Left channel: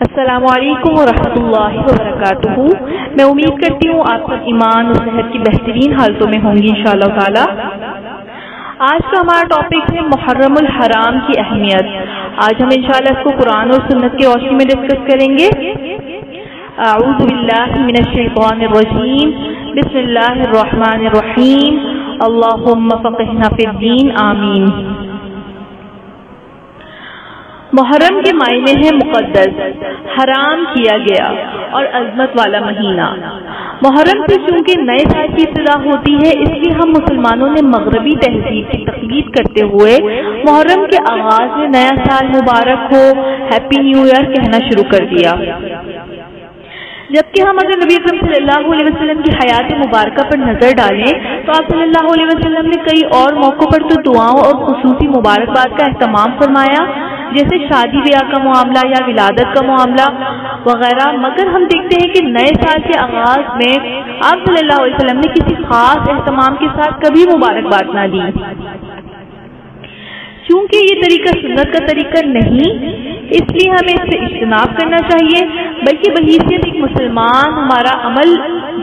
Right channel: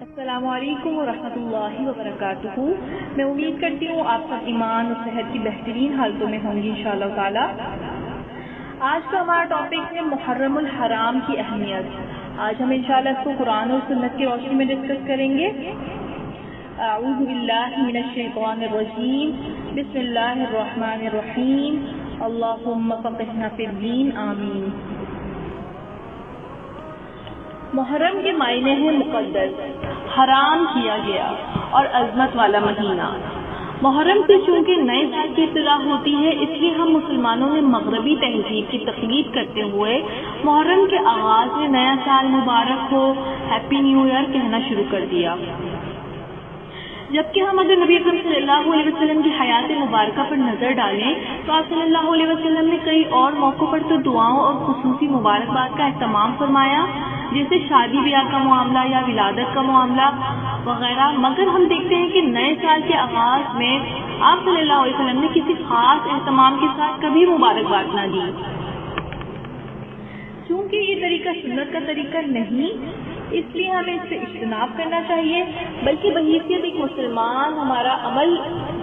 السلام علیکم ورحمۃ اللہ وبرکاتہ۔ میں امید کرتی ہوں آپ سب ایمان اور صحت کی بہترین حالتوں میں ہوں گی انشاءاللہ تعالی۔ آج کا ہمارا ٹاپک ہے محرم الحرام کی اہمیت۔ آج ہم انشاءاللہ اس کو قرآن اور سنت کی روشنی میں ڈسکس کریں گے۔ اعوذ باللہ من الشیطان الرجیم، بسم اللہ الرحمن الرحیم، اللہم فقہنا فی الدین، آمین۔ محرم کے معنی ہے مقدس، حرام کیا گیا اور عظمت والا مہینہ۔ محرم سے چونکہ نئے سال کی ابتدا ہوتی ہے، اس لیے ہم مسلمانوں نے مغربی تہذیب کی تقلید کرتے ہوئے محرم کے آغاز میں نیا سال مبارک ہو، ہیپی نیو ایئر کہنا شروع کر دیا۔ جبکہ ہم اگر نبی اکرم صلی اللہ علیہ وسلم کی حیات مبارکہ پر نظر ڈالیں تو آپ صلی اللہ علیہ وسلم نے کئی اور موقعوں پر تو دعاؤں اور خصوصی مبارکباد کا اہتمام فرمایا، جیسے شادی بیاہ کا معاملہ یا ولادت کا معاملہ وغیرہ، مگر ہم دیکھتے ہیں کہ نئے سال کے آغاز میں آپ صلی اللہ علیہ وسلم نے کسی خاص اہتمام کے ساتھ کبھی مبارکباد نہ دی۔ چونکہ یہ طریقہ سنت کا طریقہ نہیں، اس لیے ہمیں اس سے اجتناب کرنا چاہیے، بلکہ بحیثیت ایک مسلمان ہمارا عمل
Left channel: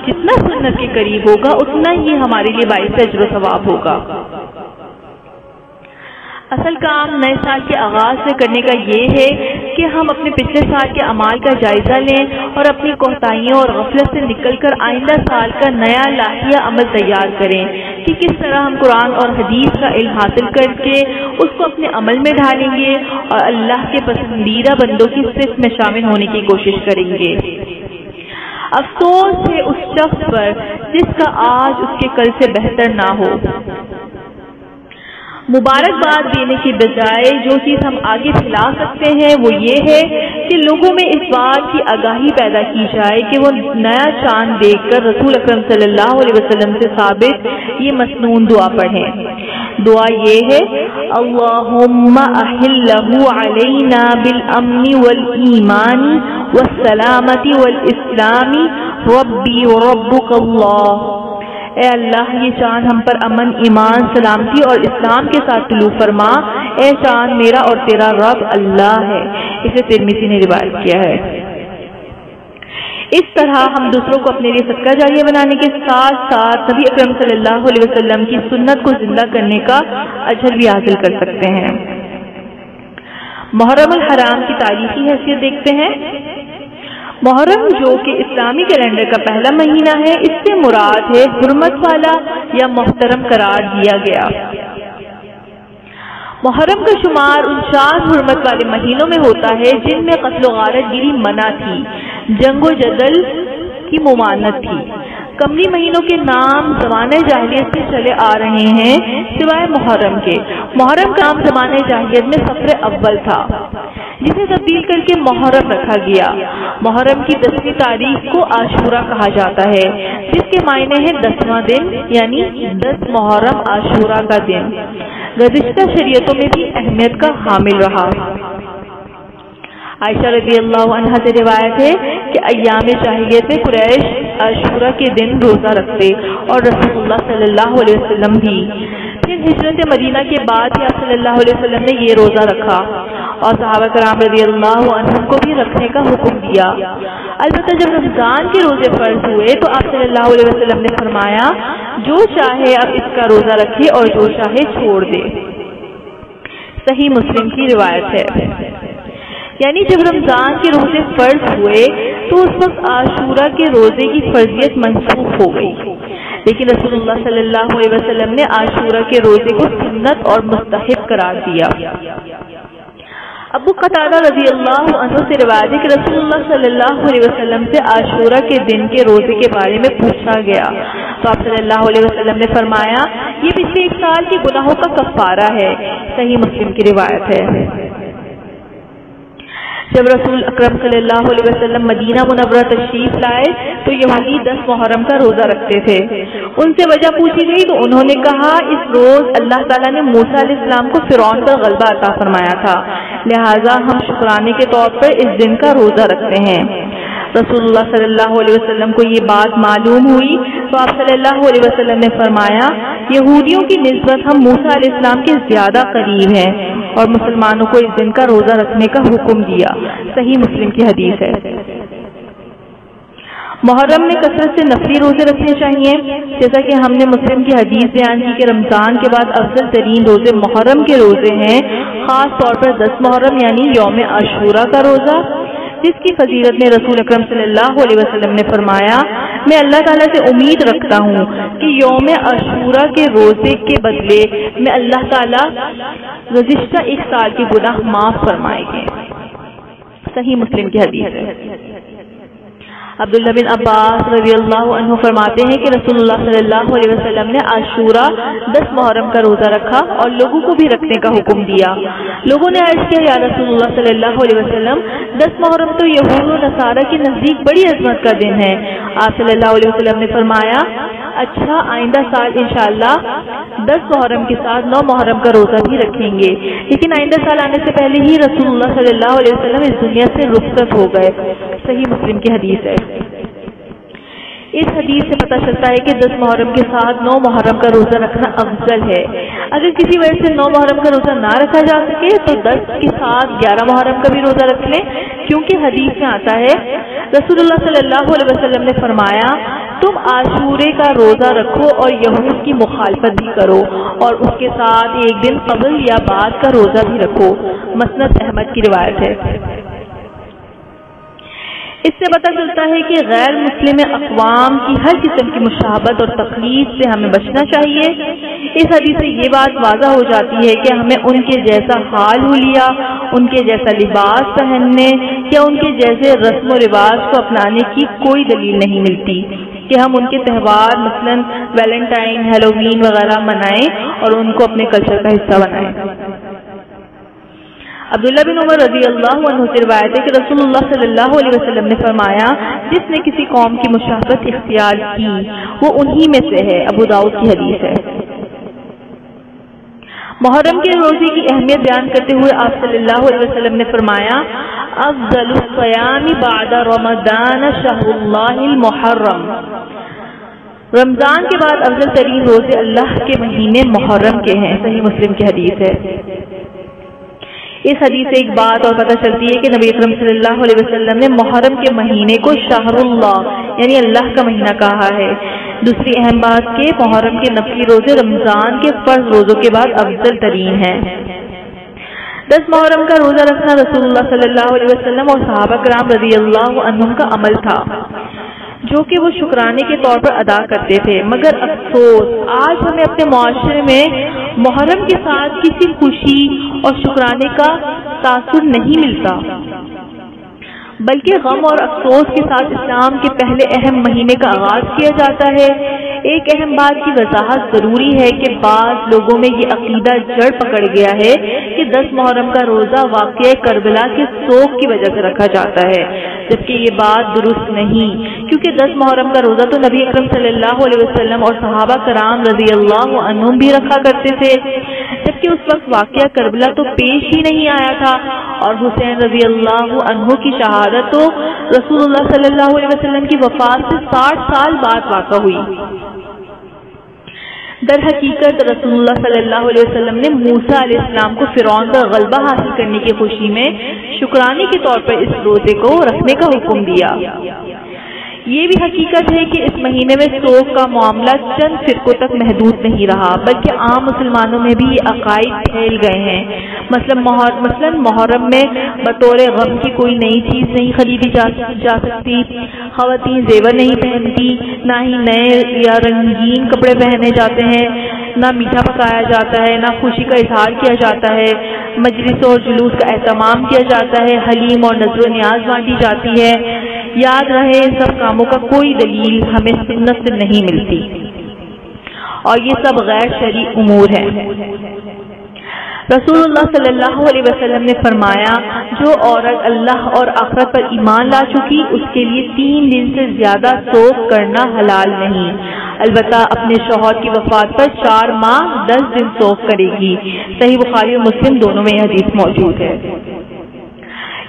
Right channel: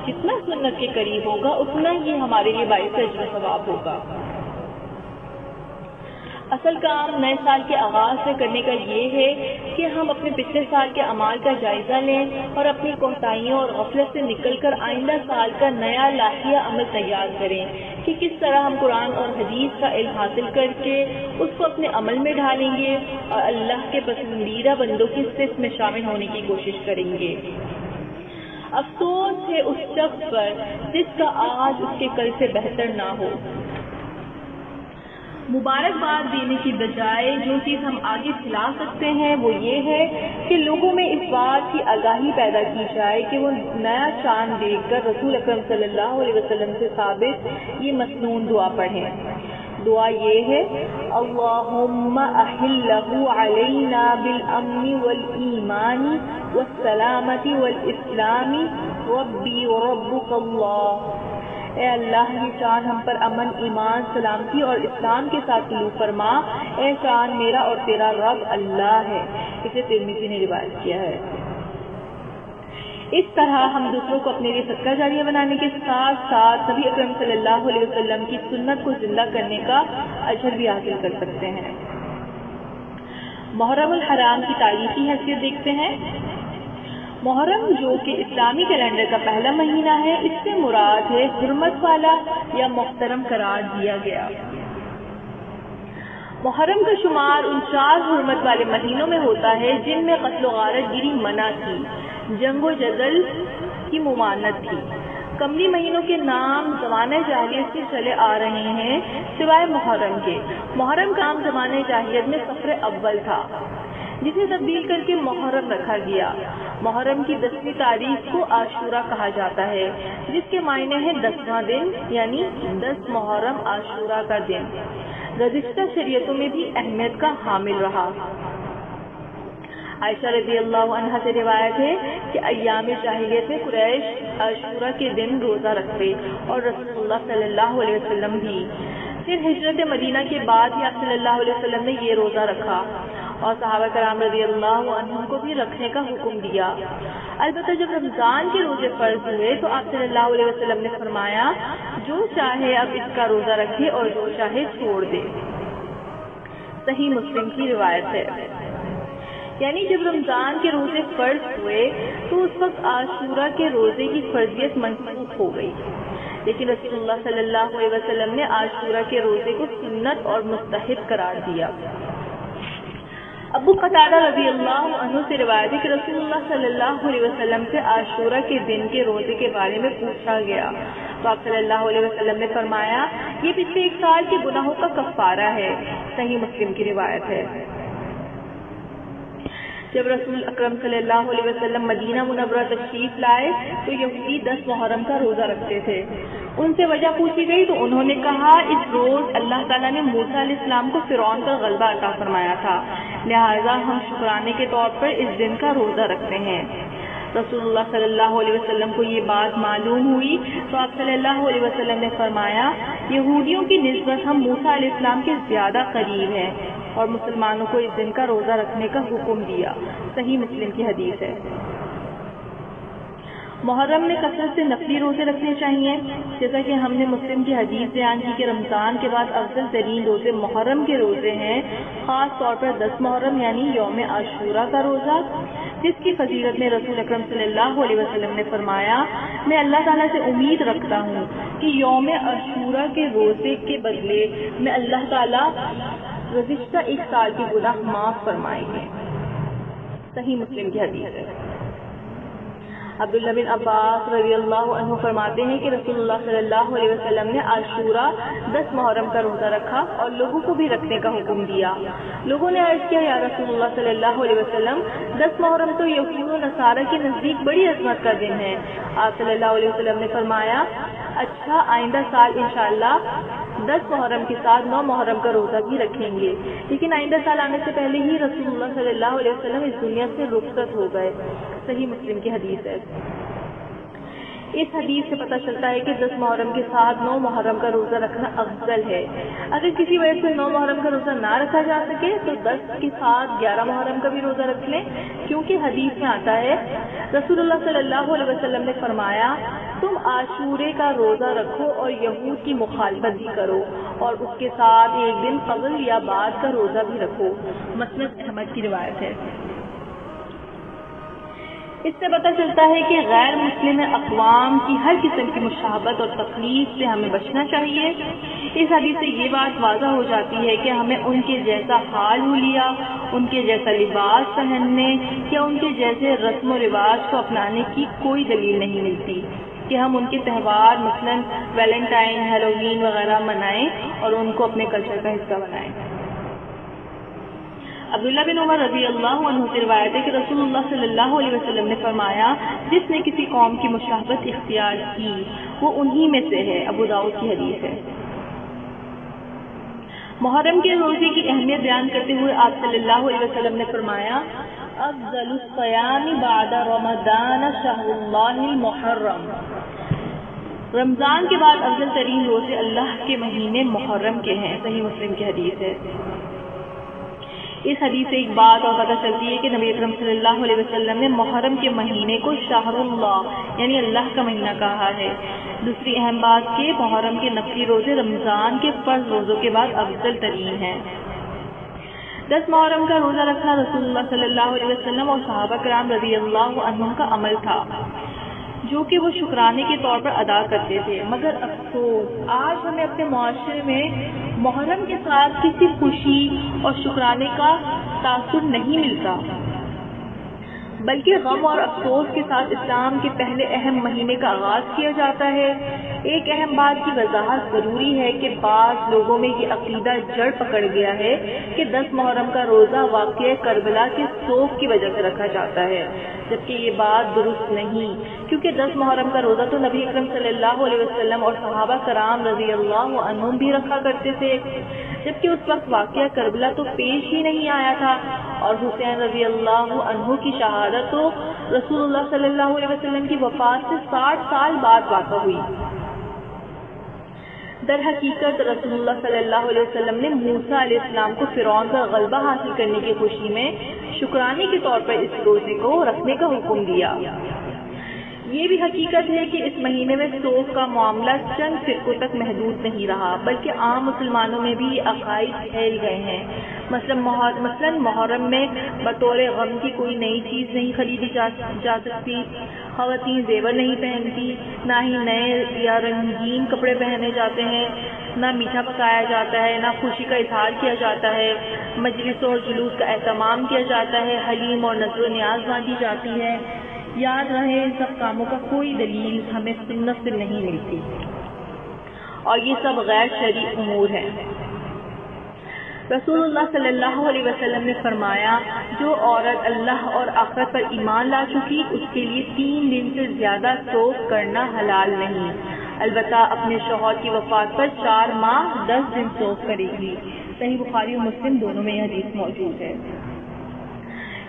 جتنا سنت کے قریب ہوگا اتنا ہی ہمارے لیے باعث اجر و ثواب ہوگا۔ اصل کام نئے سال کے آغاز سے کرنے کا یہ ہے کہ ہم اپنے پچھلے سال کے اعمال کا جائزہ لیں اور اپنی کوتاہیوں اور غفلت سے نکل کر آئندہ سال کا نیا لائحہ عمل تیار کریں کہ کس طرح ہم قرآن اور حدیث کا علم حاصل کر کے اس کو اپنے عمل میں ڈھالیں گے اور اللہ کے پسندیدہ بندوں کی صف میں شامل ہونے کی کوشش کریں گے۔ افسوس ہے اس شخص پر جس کا آج اس کے کل سے بہتر نہ ہو۔ مبارکباد دینے کی بجائے جو چیز ہم آگے پھیلا سکتے ہیں وہ یہ ہے کہ لوگوں میں اس بات کی آگاہی پیدا کی جائے کہ وہ نیا چاند دیکھ کر رسول اکرم صلی اللہ علیہ وسلم سے ثابت یہ مسنون دعا پڑھیں۔ دعا یہ ہے، اللہم احلہ علینا بالامن والایمان والسلامت والاسلام ربی وربک اللہ۔ اے اللہ، یہ چاند ہم پر امن، ایمان، سلامتی اور اسلام کے ساتھ طلوع فرما۔ اے چاند میرا اور تیرا رب اللہ ہے۔ اسے ترمذی نے روایت کیا ہے۔ اس طرح ہم دوسروں کو اپنے لیے صدقہ جاریہ بنانے کے ساتھ ساتھ نبی اکرم صلی اللہ علیہ وسلم کی سنت کو زندہ کرنے کا اجر بھی حاصل کر سکتے ہیں۔ محرم الحرام کی تاریخی حیثیت دیکھتے ہیں۔ محرم جو کہ اسلامی کیلنڈر کا پہلا مہینہ ہے، اس سے مراد ہے حرمت والا یا محترم قرار دیا گیا۔ محرم کا شمار ان 4 حرمت والے مہینوں میں ہوتا ہے جن میں قتل و غارت گیری منع تھی، جنگ و جدل کی ممانعت تھی۔ قمری مہینوں کے نام زمانہ جاہلیت سے چلے آ رہے ہیں سوائے محرم کے۔ محرم کا نام زمانہ جاہلیت میں صفر اول تھا، جسے تبدیل کر کے محرم رکھا گیا۔ محرم کی 10ویں تاریخ کو عاشورہ کہا جاتا ہے، جس کے معنی ہے 10واں دن، یعنی 10 محرم عاشورہ کا دن۔ گزشتہ شریعتوں میں بھی اہمیت کا حامل رہا۔ عائشہ رضی اللہ عنہا سے روایت ہے کہ ایام جاہلیت میں قریش عاشورہ کے دن روزہ رکھتے اور رسول اللہ صلی اللہ علیہ وسلم بھی۔ پھر ہجرت مدینہ کے بعد ہی آپ صلی اللہ علیہ وسلم نے یہ روزہ رکھا اور صحابہ کرام رضی اللہ عنہم کو بھی رکھنے کا حکم دیا۔ البتہ جب رمضان کے روزے فرض ہوئے تو آپ صلی اللہ علیہ وسلم نے فرمایا، جو چاہے اب اس کا روزہ رکھے اور جو چاہے چھوڑ دے۔ صحیح مسلم کی روایت ہے۔ یعنی جب رمضان کے روزے فرض ہوئے تو اس وقت عاشورہ کے روزے کی فرضیت منسوخ ہو گئی، لیکن رسول اللہ صلی اللہ علیہ وسلم نے عاشورہ کے روزے کو سنت اور مستحب قرار دیا۔ ابو قتادہ رضی اللہ عنہ سے روایت ہے کہ رسول اللہ صلی اللہ علیہ وسلم سے عاشورہ کے دن کے روزے کے بارے میں پوچھا گیا تو آپ صلی اللہ علیہ وسلم نے فرمایا، یہ پچھلے 1 سال کے گناہوں کا کفارہ ہے۔ صحیح مسلم کی روایت ہے۔ جب رسول اکرم صلی اللہ علیہ وسلم مدینہ منورہ تشریف لائے تو یہودی 10 محرم کا روزہ رکھتے تھے۔ ان سے وجہ پوچھی گئی تو انہوں نے کہا، اس روز اللہ تعالیٰ نے موسیٰ علیہ السلام کو فرعون پر غلبہ عطا فرمایا تھا، لہٰذا ہم شکرانے کے طور پر اس دن کا روزہ رکھتے ہیں۔ رسول اللہ صلی اللہ علیہ وسلم کو یہ بات معلوم ہوئی تو آپ صلی اللہ علیہ وسلم نے فرمایا، یہودیوں کی نسبت ہم موسیٰ علیہ السلام کے زیادہ قریب ہیں اور مسلمانوں کو اس دن کا روزہ رکھنے کا حکم دیا۔ صحیح مسلم کی حدیث ہے۔ محرم میں کثرت سے نفلی روزے رکھنے چاہیے، جیسا کہ ہم نے مسلم کی حدیث بیان کی کہ رمضان کے بعد افضل ترین روزے محرم کے روزے ہیں، خاص طور پر 10 محرم یعنی یوم عاشورہ کا روزہ، جس کی فضیلت میں رسول اکرم صلی اللہ علیہ وسلم نے فرمایا، میں اللہ تعالیٰ سے امید رکھتا ہوں کہ یوم عاشورہ کے روزے کے بدلے میں اللہ تعالیٰ گزشتہ ایک سال کے گناہ معاف فرمائیں گے۔ صحیح مسلم کی حدیث ہے۔ عبداللہ بن عباس رضی اللہ عنہ فرماتے ہیں کہ رسول اللہ صلی اللہ علیہ وسلم نے عاشورہ 10 محرم کا روزہ رکھا اور لوگوں کو بھی رکھنے کا حکم دیا۔ لوگوں نے عرض کیا، یا رسول اللہ صلی اللہ علیہ وسلم، 10 محرم تو یہود و نصارہ کے نزدیک بڑی عظمت کا دن ہے۔ آپ صلی اللہ علیہ وسلم نے فرمایا، اچھا آئندہ سال انشاءاللہ 10 محرم کے ساتھ 9 محرم کا روزہ بھی رکھیں گے، لیکن آئندہ سال آنے سے پہلے ہی رسول اللہ صلی اللہ علیہ وسلم اس دنیا سے رخصت ہو گئے۔ صحیح مسلم کی حدیث ہے۔ اس حدیث سے پتہ چلتا ہے کہ 10 محرم کے ساتھ 9 محرم کا روزہ رکھنا افضل ہے۔ اگر کسی وجہ سے 9 محرم کا روزہ نہ رکھا جا سکے تو 10 کے ساتھ 11 محرم کا بھی روزہ رکھ لیں، کیونکہ حدیث میں آتا ہے رسول اللہ صلی اللہ علیہ وسلم نے فرمایا، تم عاشورے کا روزہ رکھو اور یہود کی مخالفت بھی کرو، اور اس کے ساتھ ایک دن قبل یا بعد کا روزہ بھی رکھو۔ مسند احمد کی روایت ہے۔ اس سے پتہ چلتا ہے کہ غیر مسلم اقوام کی ہر قسم کی مشابہت اور تقلید سے ہمیں بچنا چاہیے۔ اس حدیث سے یہ بات واضح ہو جاتی ہے کہ ہمیں ان کے جیسا حال حلیہ، ان کے جیسا لباس پہننے یا ان کے جیسے رسم و رواج کو اپنانے کی کوئی دلیل نہیں ملتی کہ ہم ان کے تہوار مثلاً ویلنٹائن، ہیلووین وغیرہ منائیں اور ان کو اپنے کلچر کا حصہ بنائیں۔ عبداللہ بن عمر رضی اللہ عنہ سے روایت ہے کہ رسول اللہ صلی اللہ علیہ وسلم نے فرمایا، جس نے کسی قوم کی مشابہت اختیار کی وہ انہی میں سے ہے۔ ابو داؤد کی حدیث ہے۔ محرم کے روزے کی اہمیت بیان کرتے ہوئے آپ صلی اللہ علیہ وسلم نے فرمایا، افضل الصیام بعد رمضان شہر اللہ المحرم، رمضان کے بعد افضل ترین روزے اللہ کے مہینے محرم کے ہیں۔ صحیح مسلم کی حدیث ہے۔ اس حدیث سے ایک بات اور پتہ چلتی ہے کہ نبی اکرم صلی اللہ علیہ وسلم نے محرم کے مہینے کو شہر اللہ یعنی اللہ کا مہینہ کہا ہے۔ دوسری اہم بات کہ محرم کے نفلی روزے رمضان کے فرض روزوں کے بعد افضل ترین ہیں۔ 10 محرم کا روزہ رکھنا رسول اللہ صلی اللہ علیہ وسلم اور صحابہ کرام رضی اللہ عنہم کا عمل تھا، جو کہ وہ شکرانے کے طور پر ادا کرتے تھے، مگر افسوس آج ہمیں اپنے معاشرے میں محرم کے ساتھ کسی خوشی اور شکرانے کا تاثر نہیں ملتا، بلکہ غم اور افسوس کے ساتھ اسلام کے پہلے اہم مہینے کا آغاز کیا جاتا ہے۔ ایک اہم بات کی وضاحت ضروری ہے کہ بعض لوگوں میں یہ عقیدہ جڑ پکڑ گیا ہے کہ 10 محرم کا روزہ واقعہ کربلا کے سوگ کی وجہ سے رکھا جاتا ہے، جبکہ یہ بات درست نہیں، کیونکہ 10 محرم کا روزہ تو نبی اکرم صلی اللہ علیہ وسلم اور صحابہ کرام رضی اللہ عنہم بھی رکھا کرتے تھے، جبکہ اس وقت واقعہ کربلا تو پیش ہی نہیں آیا تھا، اور حسین رضی اللہ عنہ کی شہادت تو رسول اللہ صلی اللہ علیہ وسلم کی وفات سے 60 سال بعد واقع ہوئی۔ در حقیقت رسول اللہ صلی اللہ علیہ وسلم نے موسیٰ علیہ السلام کو فرعون پر غلبہ حاصل کرنے کی خوشی میں شکرانے کے طور پر اس روزے کو رکھنے کا حکم دیا۔ یہ بھی حقیقت ہے کہ اس مہینے میں سوگ کا معاملہ چند فرقوں تک محدود نہیں رہا، بلکہ عام مسلمانوں میں بھی یہ عقائد پھیل گئے ہیں۔ مثلا محرم میں بطور غم کی کوئی نئی چیز نہیں خریدی جا سکتی، خواتین زیور نہیں پہنتی، نہ ہی نئے یا رنگین کپڑے پہنے جاتے ہیں، نہ میٹھا پکایا جاتا ہے، نہ خوشی کا اظہار کیا جاتا ہے، مجلس اور جلوس کا اہتمام کیا جاتا ہے، حلیم اور نذر و نیاز بانٹی جاتی ہے۔ یاد رہے ان سب کاموں کا کوئی دلیل ہمیں سنت سے نہیں ملتی، اور یہ سب غیر شرعی امور ہیں۔ رسول اللہ صلی اللہ علیہ وسلم نے فرمایا، جو عورت اللہ اور آخرت پر ایمان لا چکی اس کے لیے 3 دن سے زیادہ سوگ کرنا حلال نہیں، البتہ اپنے شوہر کی وفات پر 4 ماہ 10 دن سوگ کرے گی۔ صحیح بخاری اور مسلم دونوں میں یہ حدیث موجود ہے۔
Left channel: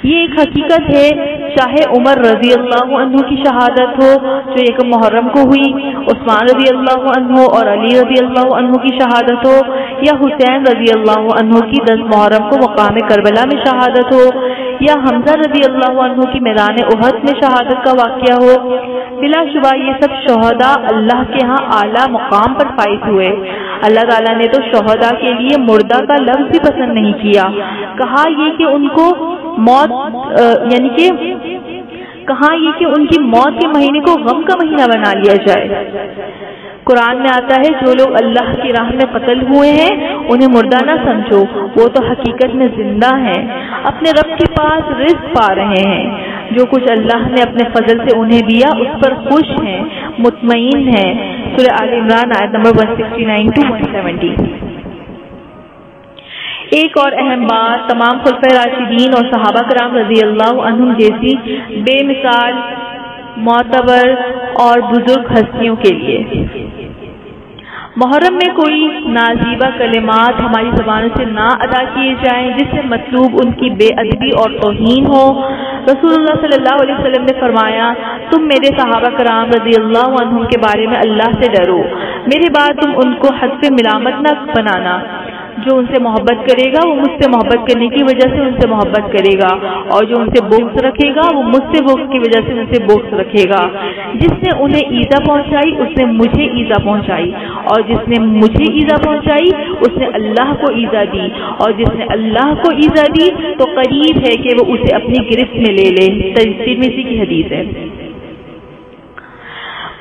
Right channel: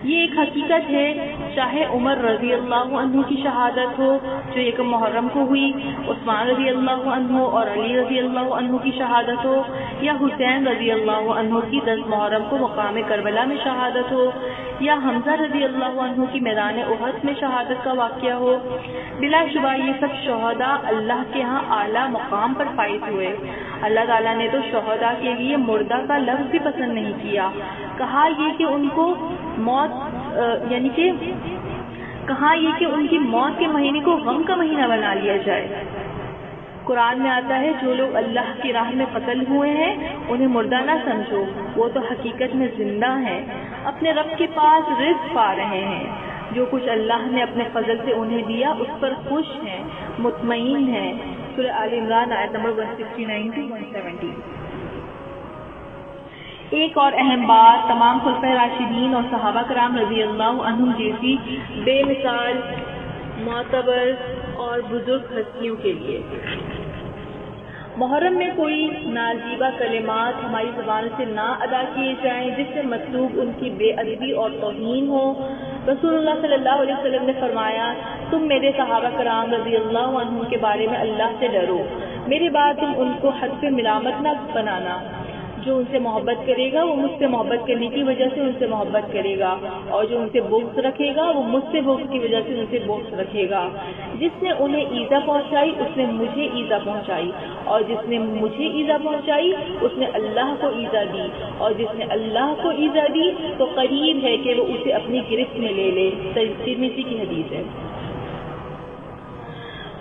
یہ ایک حقیقت ہے چاہے عمر رضی اللہ عنہ کی شہادت ہو جو 1 محرم کو ہوئی، عثمان رضی اللہ عنہ اور علی رضی اللہ عنہ کی شہادت ہو، یا حسین رضی اللہ عنہ کی 10 محرم کو مقام کربلا میں شہادت ہو، یا حمزہ رضی اللہ عنہ کی میدان احد میں شہادت کا واقعہ ہو، بلا شبہ یہ سب شہداء اللہ کے ہاں اعلیٰ مقام پر فائز ہوئے۔ اللہ تعالیٰ نے تو شہداء کے لیے مردہ کا لفظ بھی پسند نہیں کیا، کہا یہ کہ ان کو موت ان کی موت کے مہینے کو غم کا مہینہ بنا لیا جائے۔ قرآن میں آتا ہے جو لوگ اللہ کی راہ میں قتل ہوئے ہیں انہیں مردہ نہ سمجھو، وہ تو حقیقت میں زندہ ہیں، اپنے رب کے پاس رزق پا رہے ہیں، جو کچھ اللہ نے اپنے فضل سے انہیں دیا اس پر خوش ہیں، مطمئن ہیں۔ سورہ آل عمران آیت نمبر 169 to 170۔ ایک اور اہم بات تمام خلفائے راشدین اور صحابہ کرام رضی اللہ عنہم جیسی بے مثال معتبر اور بزرگ ہستیوں کے لیے، محرم میں کوئی نازیبہ کلمات ہماری زبانوں سے نہ ادا کیے جائیں جس سے مطلوب ان کی بے ادبی اور توہین ہو۔ رسول اللہ صلی اللہ علیہ وسلم نے فرمایا، تم میرے صحابہ کرام رضی اللہ عنہم کے بارے میں اللہ سے ڈرو، میرے بعد تم ان کو حد پہ ملامت نہ بنانا۔ جو ان سے محبت کرے گا وہ مجھ سے محبت کرنے کی وجہ سے ان سے محبت کرے گا، اور جو ان سے بغض رکھے گا وہ مجھ سے بغض کی وجہ سے ان سے بغض رکھے گا۔ جس نے انہیں ایذا پہنچائی اس نے مجھے ایذا پہنچائی، اور جس نے مجھے ایذا پہنچائی اس نے اللہ کو ایذا دی، اور جس نے اللہ کو ایذا دی تو قریب ہے کہ وہ اسے اپنی گرفت میں لے لے۔ ترمذی کی حدیث ہے۔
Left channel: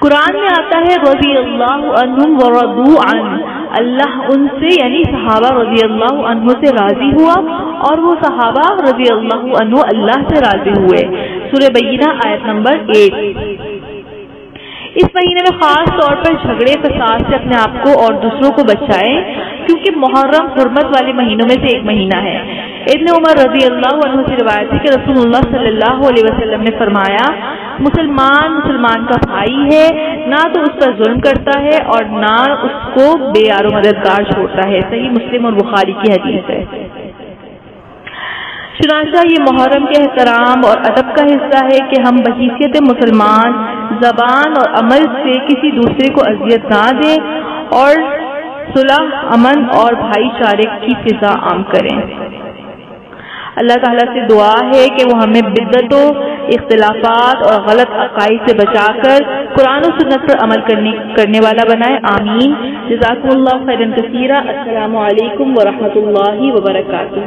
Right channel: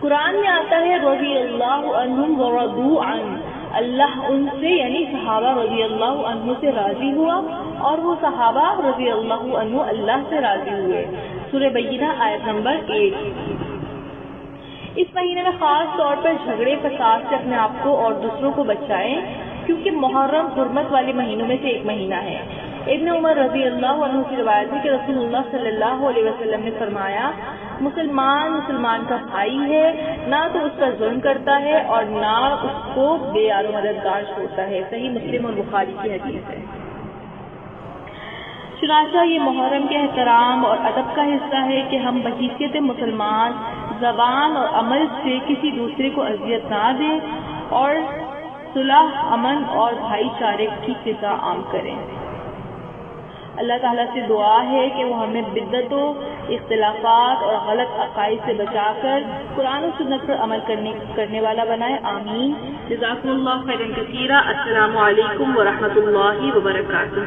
قرآن میں آتا ہے رضی اللہ عنہم ورضوا عنہ، اللہ ان سے یعنی صحابہ رضی اللہ عنہ سے راضی ہوا اور وہ صحابہ رضی اللہ عنہ اللہ سے راضی ہوئے۔ سورہ بینہ آیت نمبر 8۔ اس مہینے میں خاص طور پر جھگڑے فساد سے اپنے آپ کو اور دوسروں کو بچائیں، کیونکہ محرم حرمت والے مہینوں میں سے ایک مہینہ ہے۔ ابن عمر رضی اللہ عنہ سے روایت ہے کہ رسول اللہ صلی اللہ علیہ وسلم نے فرمایا، مسلمان کا بھائی ہے، نہ تو اس پر ظلم کرتا ہے اور نہ اس کو بے یار و مددگار چھوڑتا ہے۔ صحیح مسلم اور بخاری کی حدیث ہے۔ چنانچہ یہ محرم کے احترام اور ادب کا حصہ ہے کہ ہم بحیثیت مسلمان زبان اور عمل سے کسی دوسرے کو اذیت نہ دیں اور صلح، امن اور بھائی چارے کی فضا عام کریں۔ اللہ تعالیٰ سے دعا ہے کہ وہ ہمیں بدعتوں، اختلافات اور غلط عقائد سے بچا کر قرآن و سنت پر عمل کرنے والا بنائے، آمین۔ جزاکم اللہ خیرا کثیرا۔ السلام علیکم ورحمۃ اللہ وبرکاتہ۔